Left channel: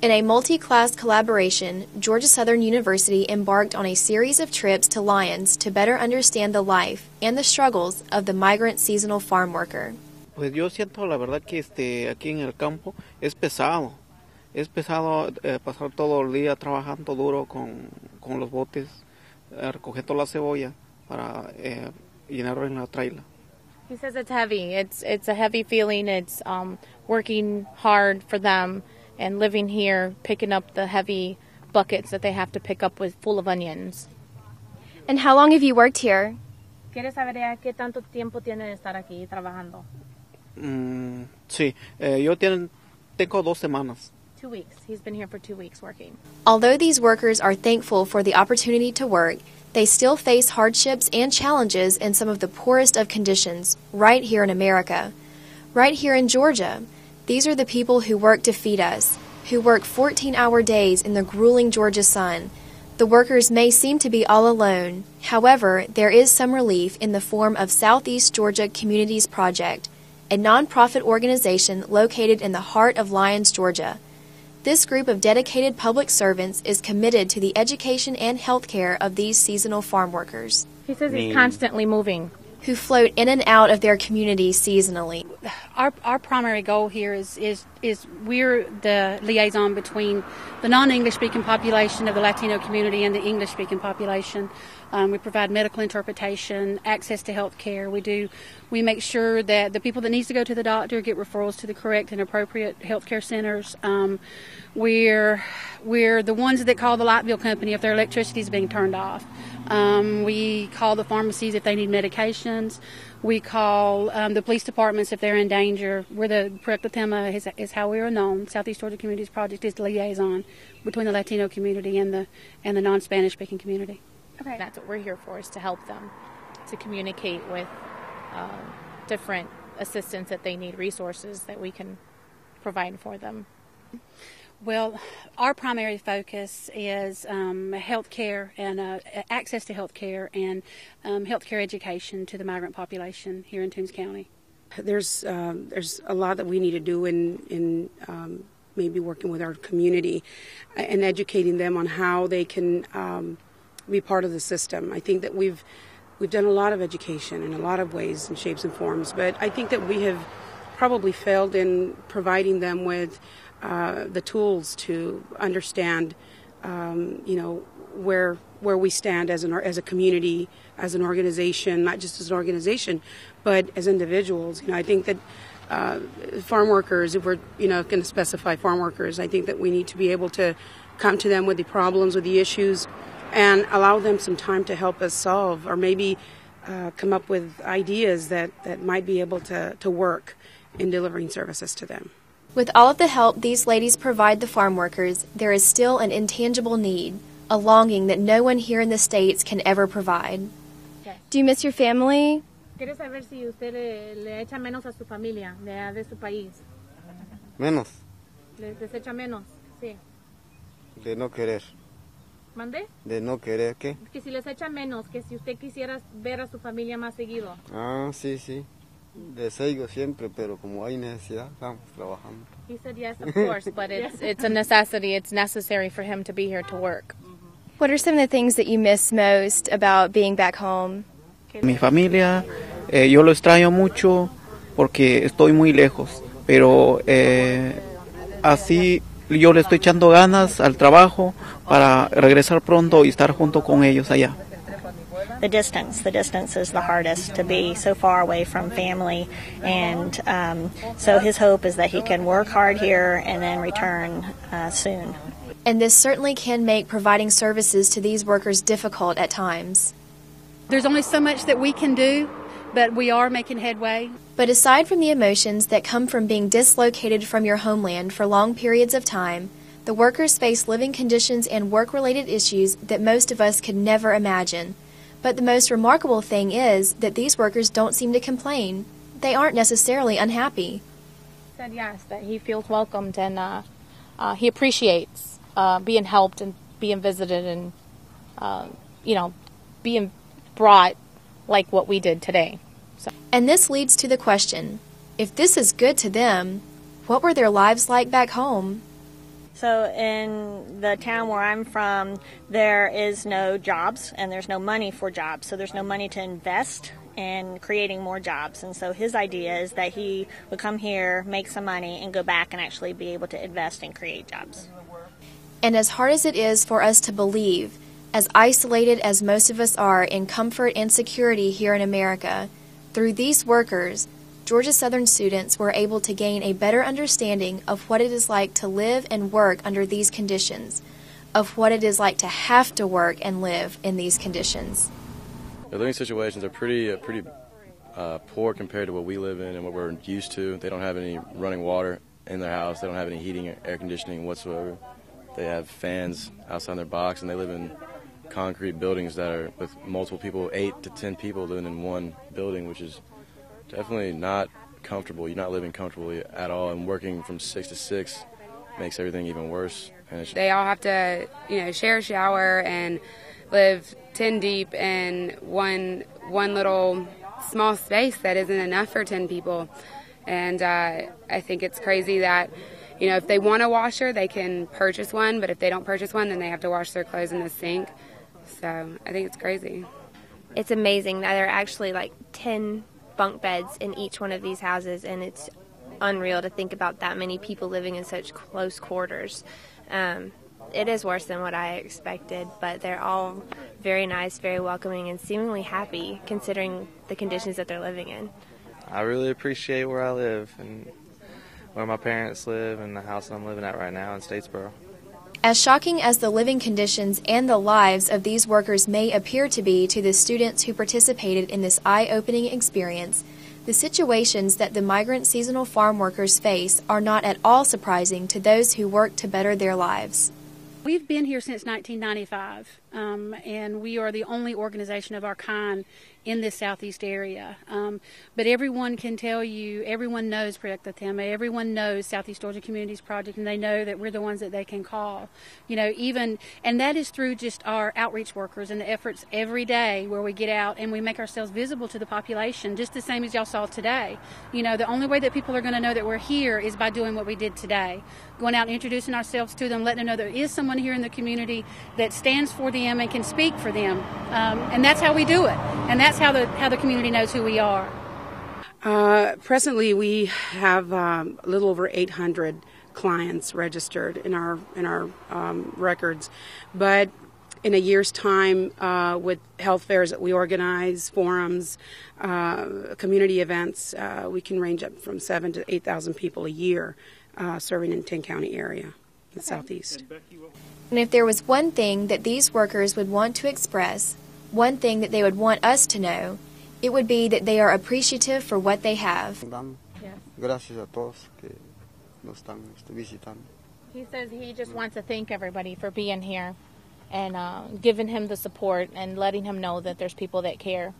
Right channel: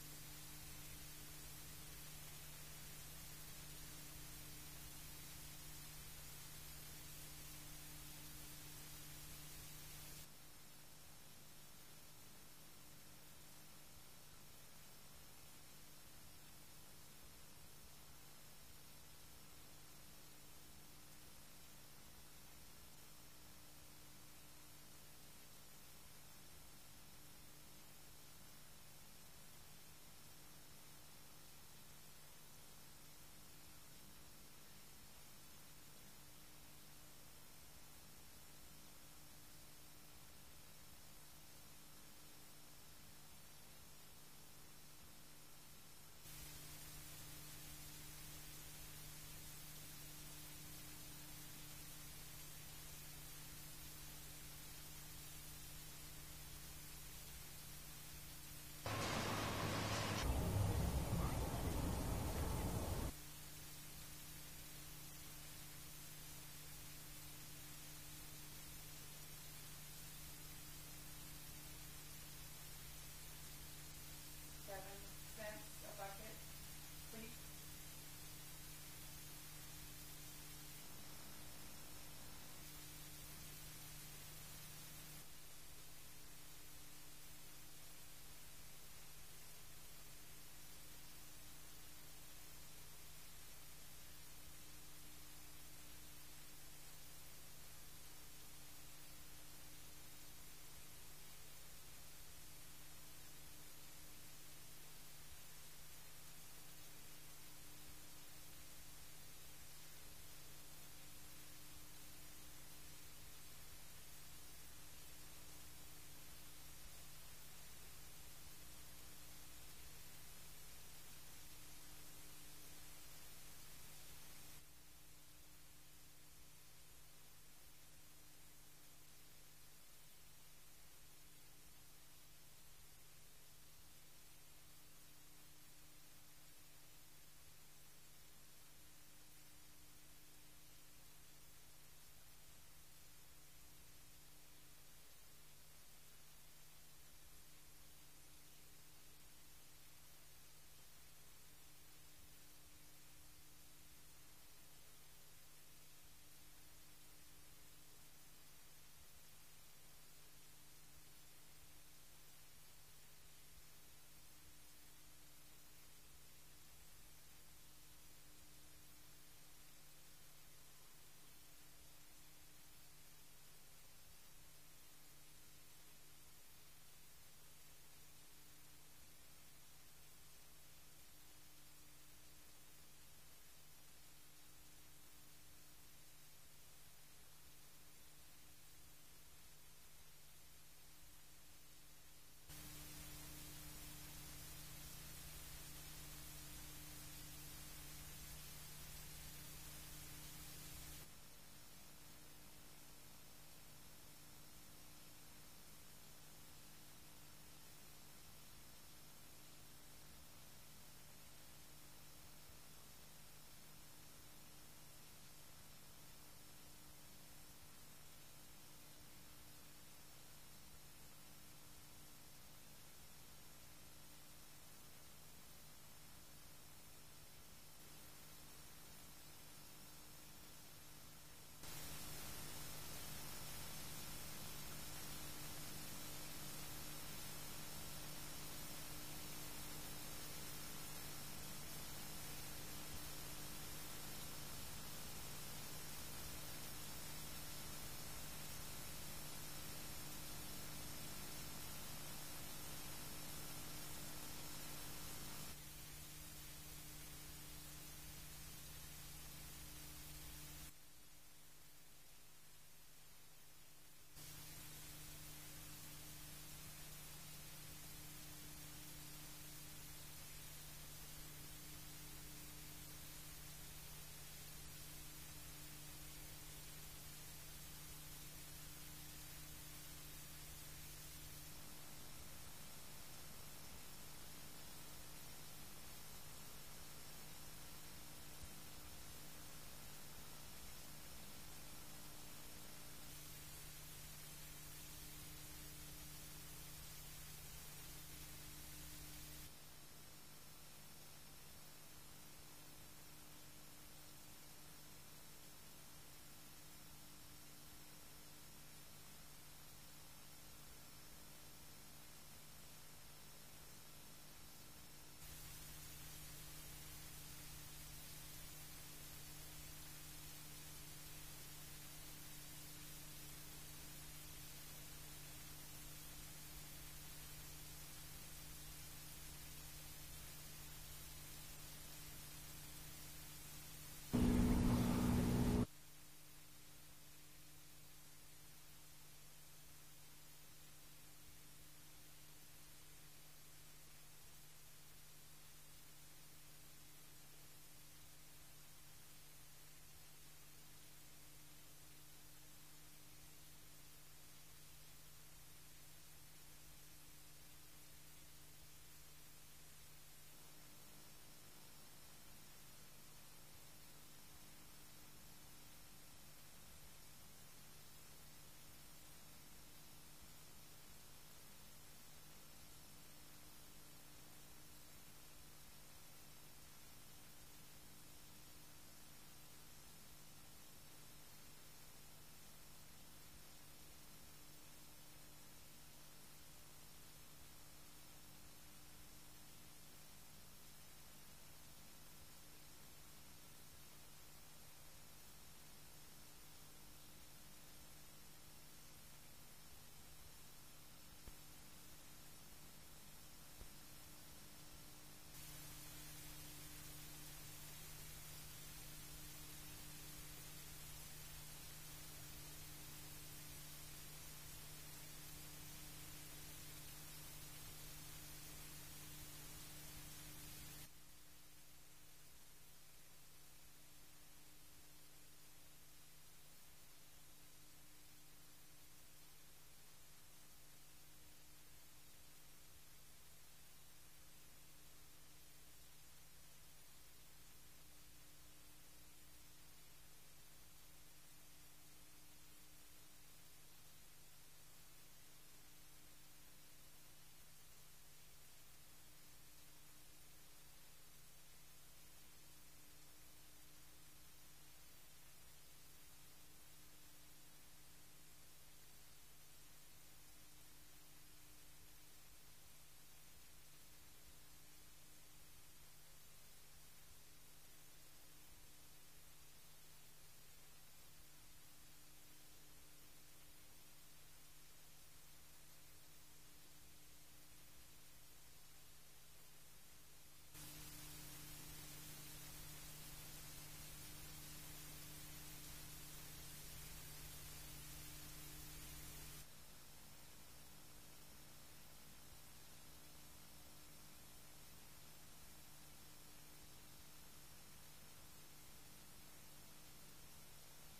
In a multi-class collaboration, Georgia Southern University embarked on a series of trips to Lyons to better understand the life and the struggles of the migrant seasonal farm worker. Pues yo siento la verdad que aquí en el campo es pesado pasar todo el día trabajando duro con los botes, recogiendo la cebolla para llenarlo en la traila. He says it's heavy. It's a heavy feeling. It's working hard for them and living here, picking up the heavy buckets that they have to pick up with full of onions. And how long have you worked here? ¿Quieres saber qué tanto tiempo tiene de estar aquí trabajando? Sí, yo tengo 2 semanas. 2 weeks. He's been here for 2 weeks working. Although these workers are thankful for the opportunity to work, they still face hardships and challenges in some of the poorest of conditions right here in America. Right here in Georgia, these are the people who work to feed us, who work 14-hour days in the grueling Georgia sun. The workers may seem to be all alone. However, there is some relief in the form of Southeast Georgia Communities Project, a nonprofit organization located in the heart of Lyons, Georgia. This group of dedicated public servants is committed to the education and health care of these seasonal farm workers. He says he's constantly moving. Who float in and out of their community seasonally. Our primary goal here is we're the liaison between the non-English speaking population of the Latino community and the English speaking population. We provide medical interpretation, access to health care. We make sure that the people that needs to go to the doctor get referrals to the correct and appropriate health care centers. We're the ones that call the light bill company if their electricity is being turned off. We call the pharmacies if they need medications. We call the police departments if they're in danger. We're the PRECLATEMA is how we are known. Southeast Georgia Communities Project is the liaison between the Latino community and the non-Spanish speaking community. Okay. That's what we're here for, is to help them, to communicate with different assistance that they need, resources that we can provide for them. Well, our primary focus is health care and access to health care and health care education to the migrant population here in Toombs County. There's a lot that we need to do in maybe working with our community and educating them on how they can be part of the system. I think that we've done a lot of education in a lot of ways and shapes and forms, but I think that we have probably failed in providing them with the tools to understand, where we stand as a community, as an organization, not just as an organization, but as individuals. I think that farm workers, if we're going to specify farm workers, I think that we need to be able to come to them with the problems, with the issues, and allow them some time to help us solve, or maybe come up with ideas that might be able to work in delivering services to them. With all of the help these ladies provide the farm workers, there is still an intangible need, a longing that no one here in the States can ever provide. Okay. Do you miss your family? ¿Quiere saber si usted le echa menos a su familia de su país? Menos. ¿Les echa menos? Sí. De no querer. ¿Mande? De no querer, ¿qué? Que si les echa menos, que si usted quisiera ver a su familia más seguido. Ah, sí. Deseo siempre, pero como hay necesidad, estamos trabajando. He said yes, of course, but it's a necessity. It's necessary for him to be here to work. What are some of the things that you miss most about being back home? Mi familia, yo lo extraño mucho porque estoy muy lejos, pero así yo le estoy echando ganas al trabajo para regresar pronto y estar junto con ellos allá. The distance is the hardest, to be so far away from family, and so his hope is that he can work hard here and then return soon. And this certainly can make providing services to these workers difficult at times. There's only so much that we can do, but we are making headway. But aside from the emotions that come from being dislocated from your homeland for long periods of time, the workers face living conditions and work-related issues that most of us could never imagine. But the most remarkable thing is that these workers don't seem to complain. They aren't necessarily unhappy. He said yes, that he feels welcomed and he appreciates being helped and being visited and, being brought like what we did today. So. And this leads to the question, if this is good to them, what were their lives like back home? So in the town where I'm from, there is no jobs and there's no money for jobs. So there's no money to invest in creating more jobs. And so his idea is that he would come here, make some money, and go back and actually be able to invest and create jobs. And as hard as it is for us to believe, as isolated as most of us are in comfort and security here in America, through these workers, Georgia Southern students were able to gain a better understanding of what it is like to live and work under these conditions, of what it is like to have to work and live in these conditions. The living situations are pretty poor compared to what we live in and what we're used to. They don't have any running water in their house. They don't have any heating or air conditioning whatsoever. They have fans outside their box, and they live in concrete buildings that are with multiple people, 8 to 10 people living in one building, which is definitely not comfortable. You're not living comfortably at all, and working from 6 to 6 makes everything even worse. And they all have to, share a shower and live 10 deep in one little small space that isn't enough for 10 people. And I think it's crazy that, if they want a washer, they can purchase one, but if they don't purchase one, then they have to wash their clothes in the sink. So I think it's crazy. It's amazing that there are actually like 10 bunk beds in each one of these houses, and it's unreal to think about that many people living in such close quarters. It is worse than what I expected, but they're all very nice, very welcoming, and seemingly happy considering the conditions that they're living in. I really appreciate where I live and where my parents live and the house I'm living at right now in Statesboro. As shocking as the living conditions and the lives of these workers may appear to be to the students who participated in this eye-opening experience, the situations that the migrant seasonal farm workers face are not at all surprising to those who work to better their lives. We've been here since 1995, and we are the only organization of our kind in this southeast area. But everyone can tell you, everyone knows Proyecto Tema, everyone knows Southeast Georgia Communities Project, and they know that we're the ones that they can call. And that is through just our outreach workers and the efforts every day where we get out and we make ourselves visible to the population, just the same as y'all saw today. The only way that people are going to know that we're here is by doing what we did today. Going out and introducing ourselves to them, letting them know there is someone here in the community that stands for them and can speak for them. And that's how we do it. And that's how the community knows who we are. Presently, we have a little over 800 clients registered in our records. But in a year's time, with health fairs that we organize, forums, community events, we can range up from 7,000 to 8,000 people a year. Serving in 10-county area in the southeast. And if there was one thing that these workers would want to express, one thing that they would want us to know, it would be that they are appreciative for what they have. He says he just wants to thank everybody for being here and giving him the support and letting him know that there's people that care.